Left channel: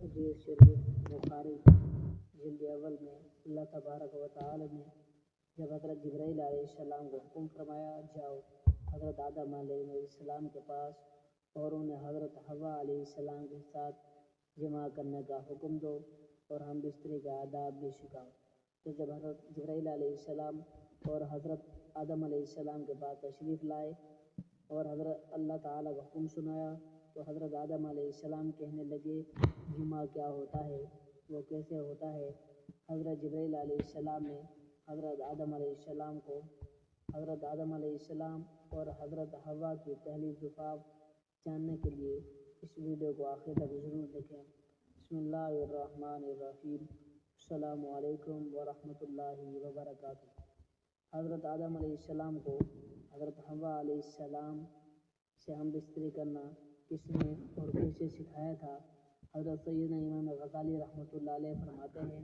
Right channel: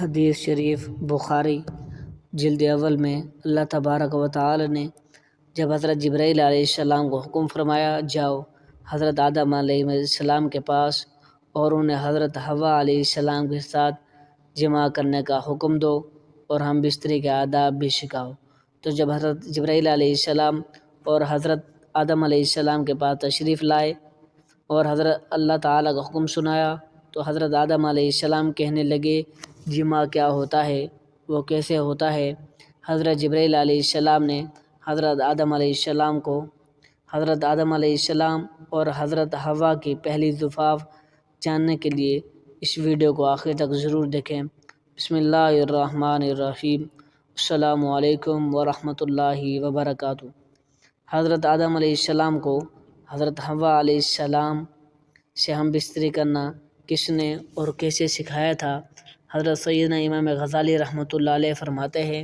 حدیث شریف بخاری جلد اول میں اللہ تبارک و تعالی نے جب حضرت جبرائیل علیہ السلام کو حکم فرمایا جاؤ حضرت آدم علیہ السلام کے پاس اور انہیں حضرت حوا علیہ السلام کے ساتھ جمع کرنے کا حکم دو اور ہم بستری کے آداب بھی سکھاؤ، تو جب حضرت جبرائیل علیہ السلام اور حضرت آدم علیہ السلام کے پاس تشریف لائے اور حضرت اللہ تعالیٰ کا حکم سنایا تو حضرت آدم علیہ السلام کہنے لگے جمع کیا ہوتا ہے، وہ کیسے ہوتا ہے۔ حضرت جبرائیل علیہ السلام نے حضرت آدم علیہ السلام کو حضرت آدم علیہ السلام اور حضرت حوا کی پہلی زفاف جاننے کے لیے اس ویڈیو کو آخر تک ضرور دیکھیں۔ بسم اللہ الرحمن الرحیم۔ السلام علیکم ورحمۃ اللہ وبرکاتہ۔ حضرت آدم علیہ السلام کو حضرت حوا علیہ السلام سے ہم بستری کرنا کس نے اور کیسے سکھایا تھا؟ حضرت سیدنا امام غزالی رحمۃ اللہ علیہ فرماتے ہیں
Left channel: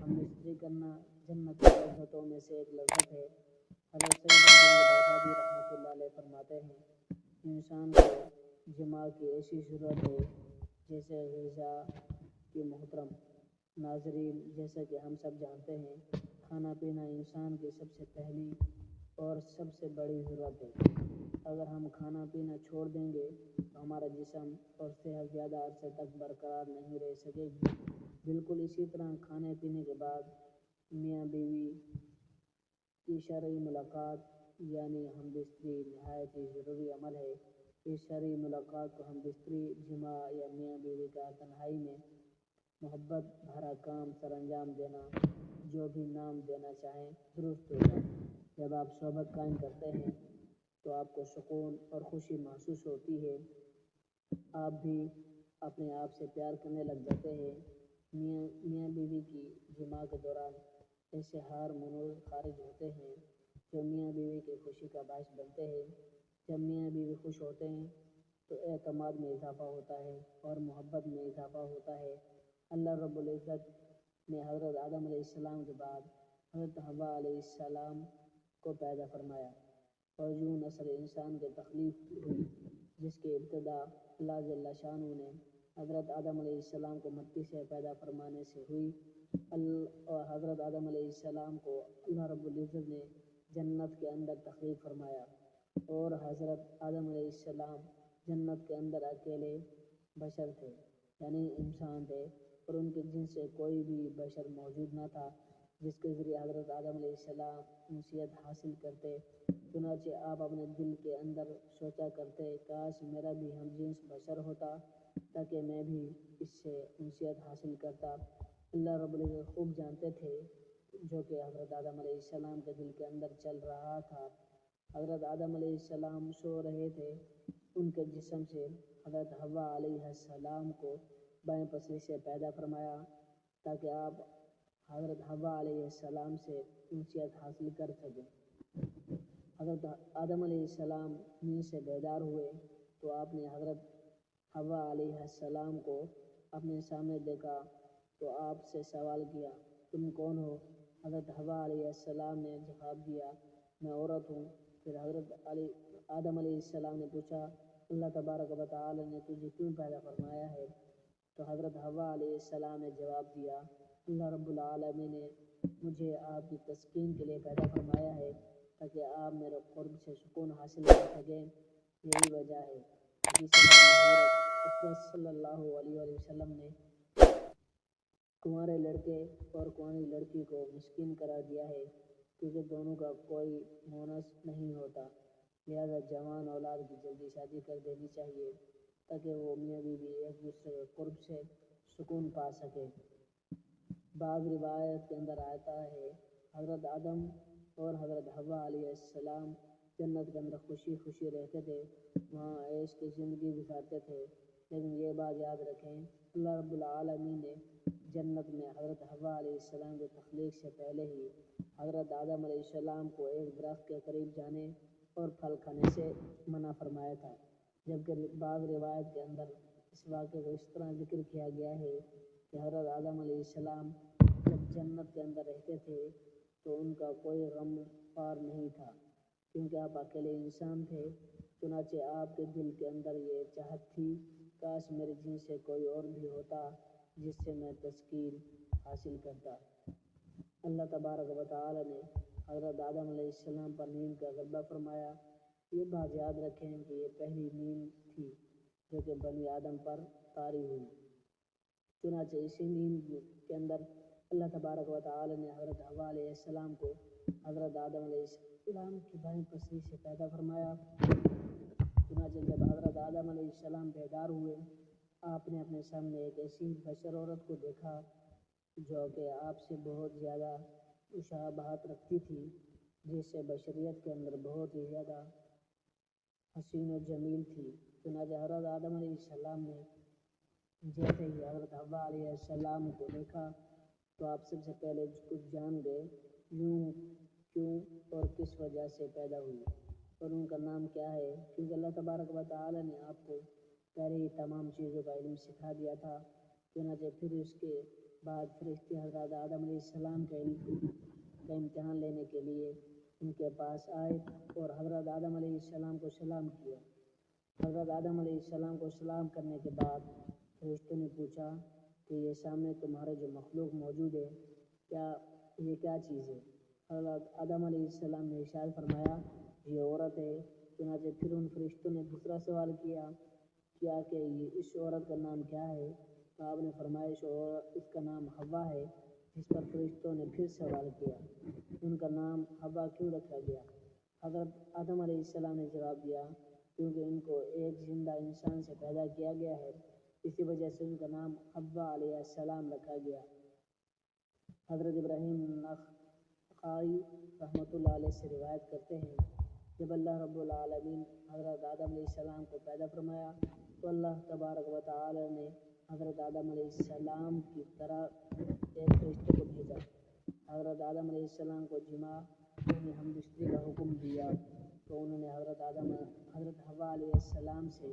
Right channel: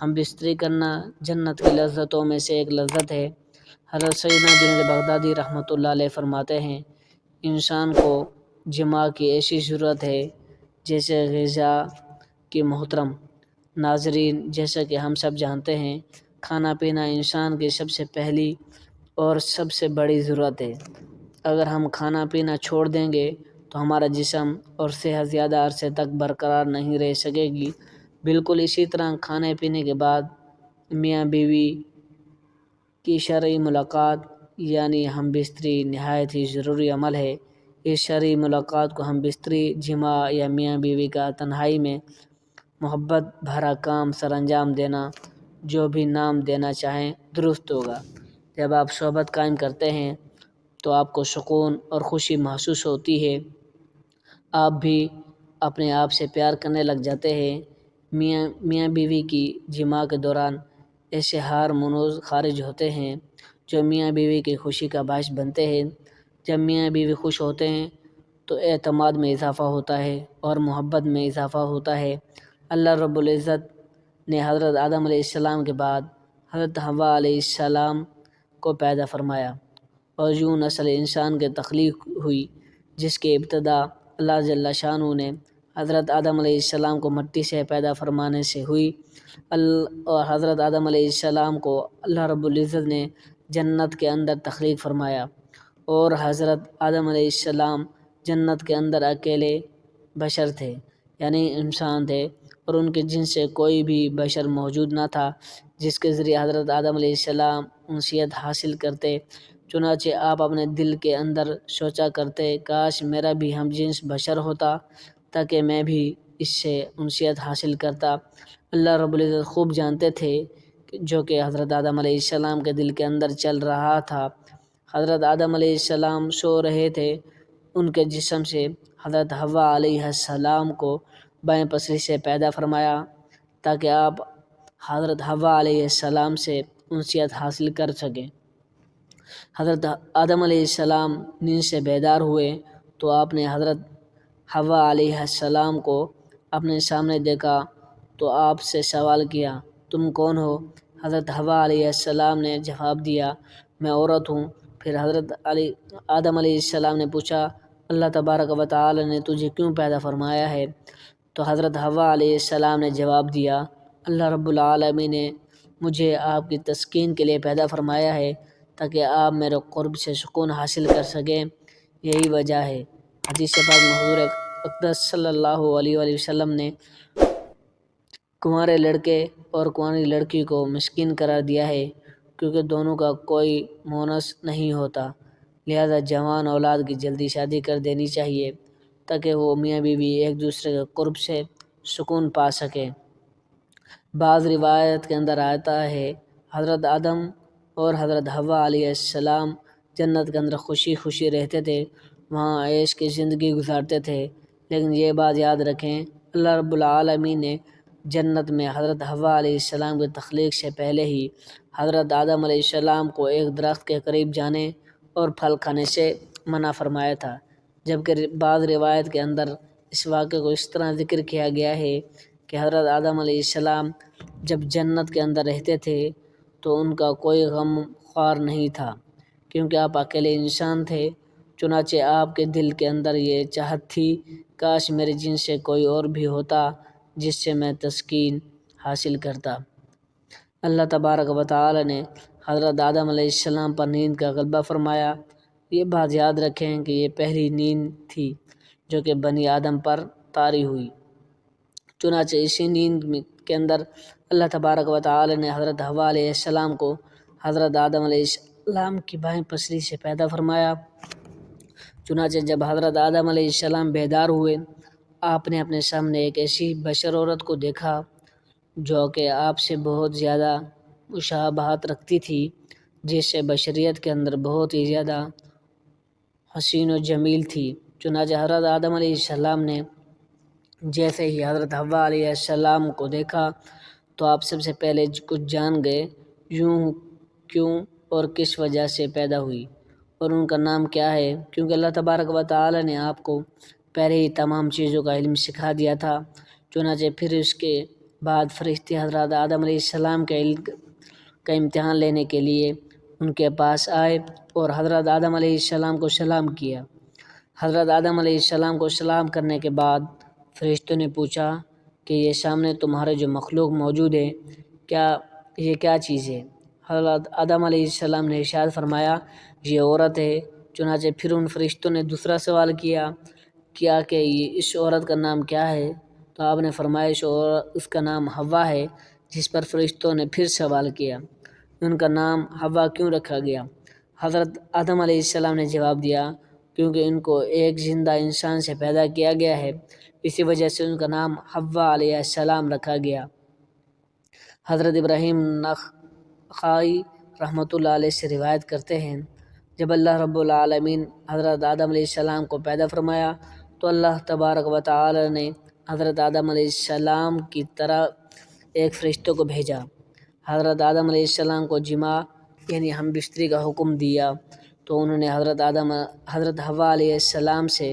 ہم بستری کرنا جنت کی لذتوں میں سے ایک لذت ہے۔ حضرت سیدنا جنید بغدادی رحمۃ اللہ علیہ فرماتے ہیں انسان کو جماع کی ایسی ضرورت ہے جیسے غذا کی۔ محترم ناظرین، جیسا کہ ہم سب جانتے ہیں کھانا پینا انسان کی سب سے پہلی اور سب سے بڑی ضرورت ہے۔ اگر ہم کھانا پینا چھوڑ دیں گے تو ہمارا جسم اور صحت زیادہ عرصے تک برقرار نہیں رہ سکے گی۔ بالکل اسی طرح کھانے پینے کے بعد میاں بیوی کی شرعی ملاقات یعنی ہم بستری نہایت ہی ضروری عمل ہے۔ اس شرعی ملاقات کو ہم بستری جماع یا میاں بیوی کا تنہائی میں محبت بھرا کام سر انجام دینا، جو بھی نام دینا چاہیں درست ہوگا۔ جب آپ صحبت قائم کرتے ہیں تو آپ کو سکون اور خوشی محسوس ہوتی ہے، آپ بھی اپنے آپ سے پیار کرنے لگ جاتے ہیں۔ میاں بیوی کی جماع کے دوران ایسے ہارمونز خارج ہوتے ہیں جو میاں بیوی کی خوشی کا باعث بنتے ہیں۔ جب میاں بیوی خوش ہوتے ہیں تو اعتماد میں اضافہ ہوتا ہے اور محبت میں اضافہ ہوتا ہے۔ اللہ رب العزت نے حضرت آدم علیہ السلام کے بعد حضرت حوا علیہ السلام کو پیدا فرمایا اور یوں نسل انسان کی تخلیق ہوئی، جس کی ابتدا اللہ جل شانہ نے حضرت آدم علیہ السلام کو مٹی سے پیدا فرمانے سے ہوئی۔ اور حضرت آدم علیہ السلام کو اللہ رب العزت نے جنت کے اندر تخلیق فرمایا اور حضرت آدم علیہ السلام جنت کے اندر اکیلے بشر تھے، یعنی انسان تھے، اور ان کے جنس سے کوئی بھی بشر موجود نہ تھا جس کے ذریعے حضرت آدم علیہ السلام انسیت حاصل کرتے۔ چنانچہ آپ اپنے دل کے اندر سوچا کرتے کاش میرا بھی ہم جنس بشر ہوتا تاکہ میں بھی اس سے انسیت حاصل کرتا۔ اللہ رب العزت خوب جانتے تھے جو کہ حضرت آدم علیہ السلام کے دل کے اندر چل رہا تھا۔ حضرت آدم علیہ السلام سو رہے تھے، ان کے جسم سے حضرت حوا علیہ السلام کو بائیں پسری سے پیدا فرمایا تاکہ آپ حضرت حوا علیہ السلام سے انسیت حاصل کر سکیں۔ حضرت آدم علیہ السلام نیند سے بیدار ہوئے تو آپ نے حضرت حوا علیہ السلام کو اپنے سامنے دیکھا تو آپ سے سوال کیا تم کون ہو؟ حضرت حوا علیہ السلام نے جواب دیا میں عورت ہوں۔ پھر حضرت آدم علیہ السلام نے پوچھا اللہ تبارک و تعالی نے تجھے کیوں پیدا فرمایا ہے؟ تو حضرت حوا علیہ السلام نے جواب دیا اللہ رب العالمین نے مجھے آپ کی تسکین کے لیے پیدا فرمایا ہے تاکہ آپ میرے قرب سے سکون حاصل کر سکیں، یہی وجہ ہے۔ حدیث پاک میں حضور اقدس صلی اللہ علیہ وآلہ وسلم نے کنوارے لڑکے اور کنواری لڑکی کو مسکین قرار دیا ہے کیونکہ دونوں کا کوئی مونس نہیں ہوتا، لہذا جوان اولاد کی جلدی شادی کر دینی چاہیے تاکہ وہ میاں بیوی ایک دوسرے کے قرب سے سکون پا سکیں۔ بعض روایت کے اندر آتا ہے حضرت آدم اور حضرت حوا علیہ السلام جنت کے اندر خوشی خوشی رہتے تھے، وہاں عیش کی زندگی گزارتے تھے، لیکن یہ بات یاد رکھیں اللہ رب العالمین نے جنت میں حضرت حوا علیہ السلام کی تخلیق سے پہلے ہی حضرت آدم علیہ السلام کو ایک درخت کے قریب جانے اور پھل کھانے سے منع فرمایا تھا، جبکہ بعض روایت کے اندر اس واقعے کو اس طرح ذکر کیا گیا ہے کہ حضرت آدم علیہ السلام جب جنت کے اندر رہتے تھے تو ان کا کوئی غم خوار نہیں تھا کیونکہ آپ اکیلے انسان تھے، چنانچہ آپ کے دل کے اندر یہ چاہت تھی کاش میرے جنس سے کوئی اور بھی ہوتا جس سے میں تسکین حاصل کرتا۔ اللہ تبارک و تعالی نے حضرت آدم علیہ السلام پر نیند کا غلبہ فرمایا۔ یہ بات یاد رکھیں کہ یہ پہلی نیند تھی جو کہ بنی آدم پر طاری ہوئی۔ چنانچہ اسی نیند کے اندر اللہ تبارک و تعالی نے حضرت حوا علیہ السلام کو حضرت آدم علیہ السلام کی بائیں پسلی سے پیدا فرمایا۔ چنانچہ جب حضرت آدم علیہ السلام بیدار ہوئے، آپ نے اپنے سامنے ایک ایسی بشر عورت کو دیکھا جو کہ آپ سے بہت زیادہ مشابہت رکھتی تھی، جس سے بشریت کے اندر بہت ہی زیادہ حسین و جمیل تھی۔ چنانچہ حضرت آدم علیہ السلام نے جیسے ہی حضرت حوا علیہ السلام کو دیکھا تو آپ سب سے پہلے کچھ جان گئے یوں کیوں اور کس وجہ سے پیدا ہوئی اور ان کا نام کیا ہے، کیونکہ اللہ تبارک و تعالی نے آپ کو پہلے ہی تمام چیزوں کا علم سکھا دیا تھا۔ چنانچہ پھر اس کے بعد فرشتے حضرت آدم علیہ السلام کے علم کا امتحان لینے کے لیے ان کے پاس آئے اور حضرت آدم علیہ السلام کو سلام کیا۔ حضرت آدم علیہ السلام کو سلام کرنے کے بعد فرشتوں نے پوچھا کہ یہ سامنے تمہارے جو مخلوق موجود ہے یہ کیا چیز ہے؟ حضرت آدم علیہ السلام نے ارشاد فرمایا یہ عورت ہے۔ چنانچہ پھر ان فرشتوں نے دوسرا سوال کیا کہ اس عورت کا نام کیا ہے؟ تو آپ نے فرمایا اس کا نام حوا ہے، جس پر فرشتوں نے پھر سوال کیا ان کا نام حوا کیوں رکھا گیا؟ حضرت آدم علیہ السلام نے جواب دیا کیونکہ ان کو ایک زندہ انسان سے پیدا کیا گیا ہے، اسی وجہ سے ان کا نام حوا علیہ السلام رکھا گیا۔ حضرت ابراہیم نخعی رحمۃ اللہ علیہ سے روایت کرتے ہیں جب اللہ رب العالمین حضرت آدم علیہ السلام کو پیدا فرمایا تو اللہ تبارک و تعالی نے حضرت آدم علیہ السلام کی طرح ایک فرشتوں کو بھیجا۔ حضرت آدم علیہ السلام کو جماع یعنی ہم بستری کا حکم دیا تو انہوں نے حضرت حوا علیہ السلام سے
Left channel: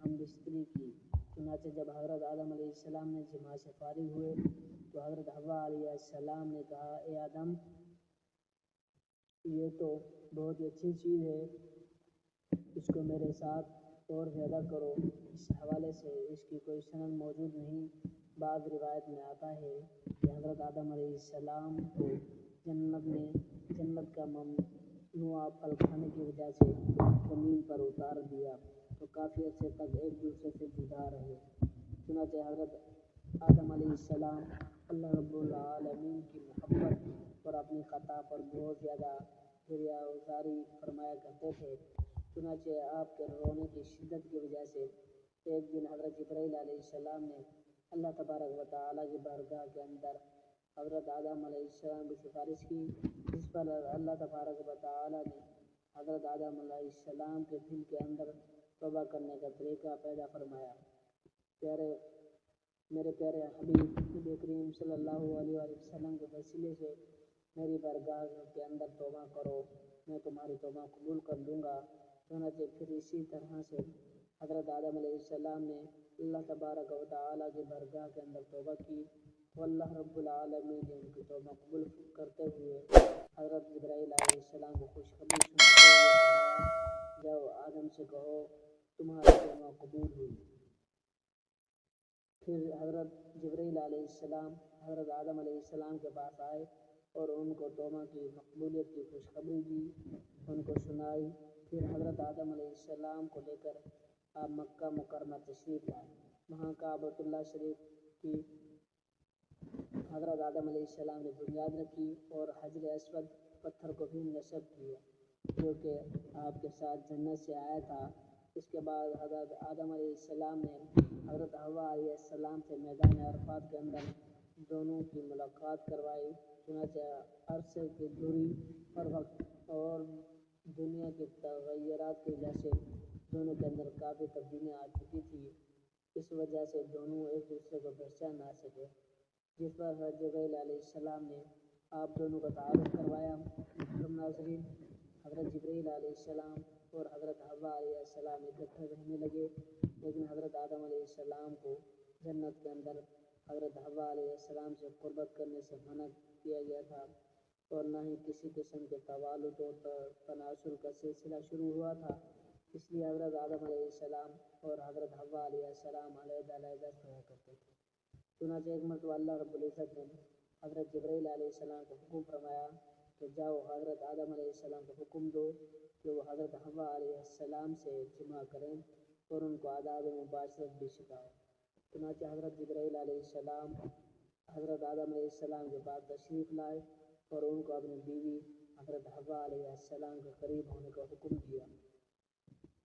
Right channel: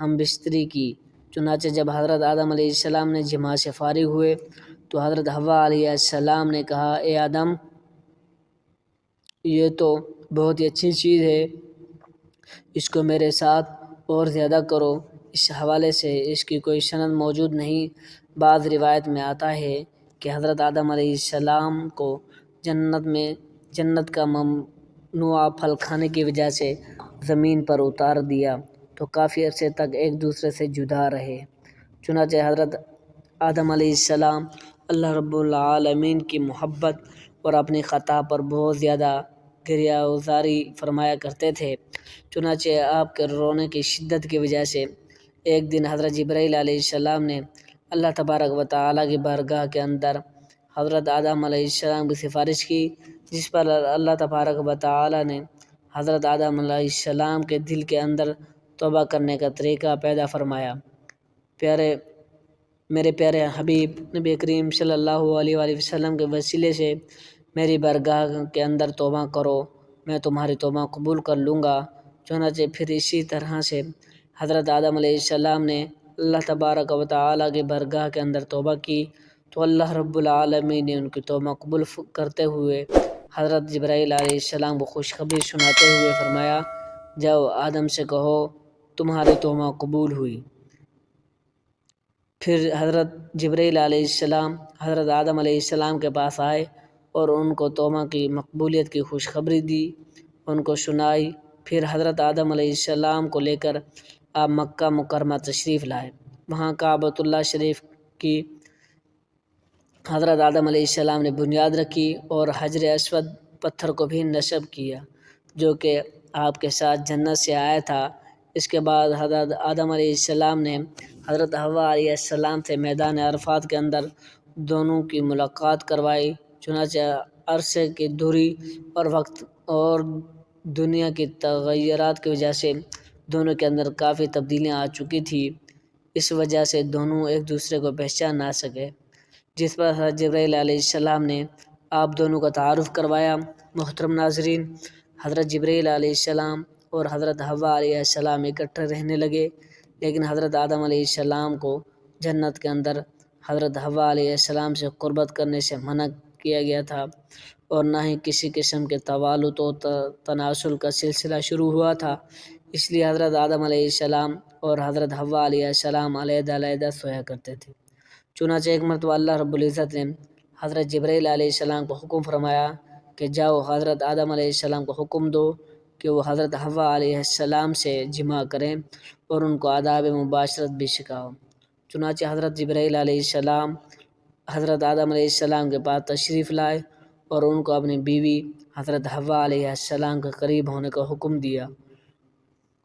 ہم بستری کی۔ چنانچہ جب حضرت آدم علیہ السلام نے جماع سے فارغ ہوئے تو حضرت حوا علیہ السلام نے کہا اے آدم یہ تو بہت ہی اچھی چیز ہے، اس کو میرے ساتھ اور زیادہ کرو۔ اس حوالے سے اس کی کوئی سند موجود نہیں۔ بعض روایت میں آتا ہے کہ حضرت آدم علیہ السلام کو جنت کا ممنوع پھل کھانے کی وجہ سے زمین پر اتار دیا تو کافی عرصے تک ایک دوسرے سے جدا رہے۔ چنانچہ حضرت آدم علیہ السلام اللہ رب العالمین کی محبت اور اپنی خطا پر بہت زیادہ گریہ وزاری فرمایا کرتے تھے۔ چنانچہ آپ کے رونے کی شدت کی وجہ سے ایک دن حضرت جبرائیل علیہ السلام نے اللہ تبارک و تعالیٰ کی بارگاہ کے اندر حضرت آدم علیہ السلام کی سفارش کی، جس پر اللہ تبارک و تعالیٰ نے حضرت آدم علیہ السلام کے دل کے اندر توبہ کرنے کا طریقہ پیدا فرمایا۔ میرے پیارے حبیب نبی کریم صلی اللہ علیہ وآلہ وسلم کے وسیلے سے میری بارگاہ کے اندر توبہ کرو، میں تمہاری توبہ قبول کر لوں گا۔ چنانچہ پھر اسی طرح سے حضرت آدم علیہ السلام نے اللہ تبارک و تعالیٰ کی بارگاہ کے اندر توبہ کی تو اللہ رب العالمین نے ان کی توبہ قبول کرتے ہوئے حضرت جبرائیل علیہ السلام کو خوشخبری سناتے ہوئے فرمایا جاؤ آدم سے کہو تمہاری توبہ قبول ہوئی۔ پھر حضرت جبرائیل علیہ السلام حضرت آدم علیہ السلام کے پاس آئے اور ان کو توبہ کی مقبولیت کی خوشخبری دی، ان کو سنائی۔ پھر حضرت آدم علیہ السلام کو لے کر آپ مکہ مکرمہ تشریف لائے۔ وہاں کعبۃ اللہ شریف کی حضرت آدم علیہ السلام نے بنیاد رکھی اور حجر اسود پتھر کو بھی نصب کیا جو کہ آپ کے ساتھ جنت سے آیا تھا۔ اس کے بعد حضرت آدم علیہ السلام نے حضرت حوا علیہ السلام سے میدان عرفات کے اندر دونوں کی ملاقات کروائی۔ چنانچہ عرصے کی دوری اور وقت اور دنیا کی تغیرات کی وجہ سے دونوں کے اندر کافی تبدیلیاں آ چکی تھی، اس وجہ سے دونوں ایک دوسرے کو پہچان نہ سکے، جس پر حضرت جبرائیل علیہ السلام نے آپ دونوں کا تعارف کروایا۔ محترم ناظرین، حضرت جبرائیل علیہ السلام اور حضرت حوا علیہ السلام اکٹھے رہنے لگے، لیکن حضرت آدم علیہ السلام کو جنت کے اندر حضرت حوا علیہ السلام سے قربت کرنے سے منع کیا گیا تھا اور نہ ہی کسی قسم کے توالد و تناسل کا سلسلہ شروع ہوا تھا، اس لیے حضرت آدم علیہ السلام اور حضرت حوا علیہ السلام علیحدہ علیحدہ سویا کرتے تھے۔ چنانچہ ایک مرتبہ اللہ رب العزت نے حضرت جبرائیل علیہ السلام کو حکم فرمایا کہ جاؤ حضرت آدم علیہ السلام کو حکم دو کہ وہ حضرت حوا علیہ السلام سے جمع کریں اور ان کو آداب مباشرت بھی سکھاؤ۔ چنانچہ حضرت جبرائیل علیہ السلام حضرت آدم علیہ السلام کے پاس تشریف لائے اور ان کو اپنی بیوی حضرت حوا علیہ السلام کے قریب ہونے کا حکم دیا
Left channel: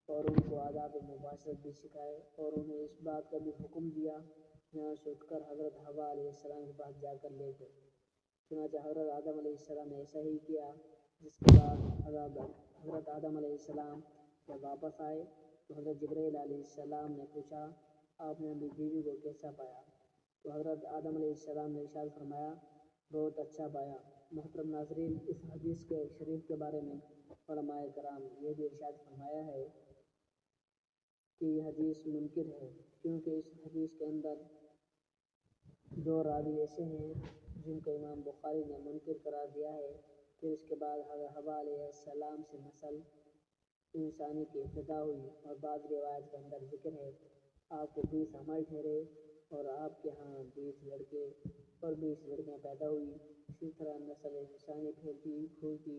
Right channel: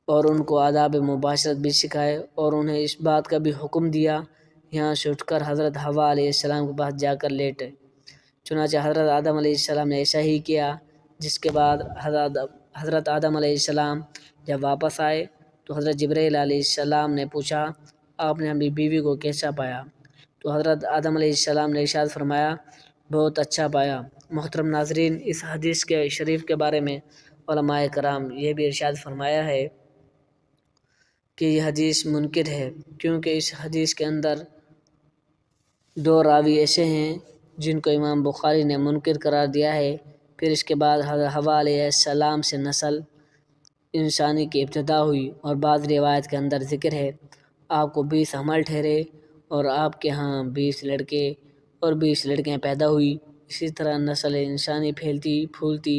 اور ان کو آداب مباشرت بھی سکھائے اور انہیں اس بات کا بھی حکم دیا یہاں سے اٹھ کر حضرت حوا علیہ السلام کے پاس جا کر لیٹے۔ چنانچہ حضرت آدم علیہ السلام نے ایسا ہی کیا، جس کے بعد حضرت آدم علیہ السلام جب واپس آئے تو حضرت جبرائیل علیہ السلام نے پوچھا آپ نے اپنی بیوی کو کیسا پایا؟ تو حضرت آدم علیہ السلام نے ارشاد فرمایا بہت اچھا پایا۔ محترم ناظرین، اس حدیث کے شریف کے بارے میں علماء کرام یہ بھی ارشاد فرمایا ہے کہ یہ حدیث منکر ہے، کیونکہ اس حدیث کے اندر دو راوی ایسے ہیں جن کو امام بخاری نے منکر قرار دیا ہے۔ پھر اس کے بعد حضرت حوا علیہ السلام سے نسل انسانی کی ابتدا ہوئی اور بعض روایت کے اندر ذکر ہے آپ کو 20 حمل ٹھہرے اور آپ کے ہاں 20 لڑکے اور 20 لڑکیاں پیدا ہوئی۔ اسی طرح نسل انسانی پھیلتی پھولتی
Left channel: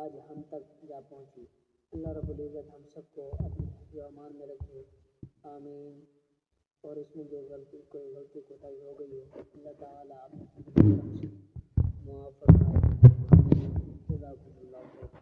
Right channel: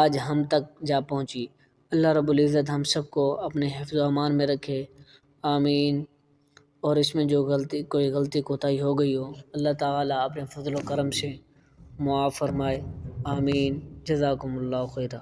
آج ہم تک جا پہنچی۔ اللہ رب العزت ہم سب کو اپنے حفظ و امان میں رکھے، آمین۔ اور اس میں جو کوئی غلطی کوتاہی ہو گئی ہو اللہ تعالیٰ اپنے فضل و کرم سے معاف فرمائے، آمین۔ جزاکم اللہ خیرہ۔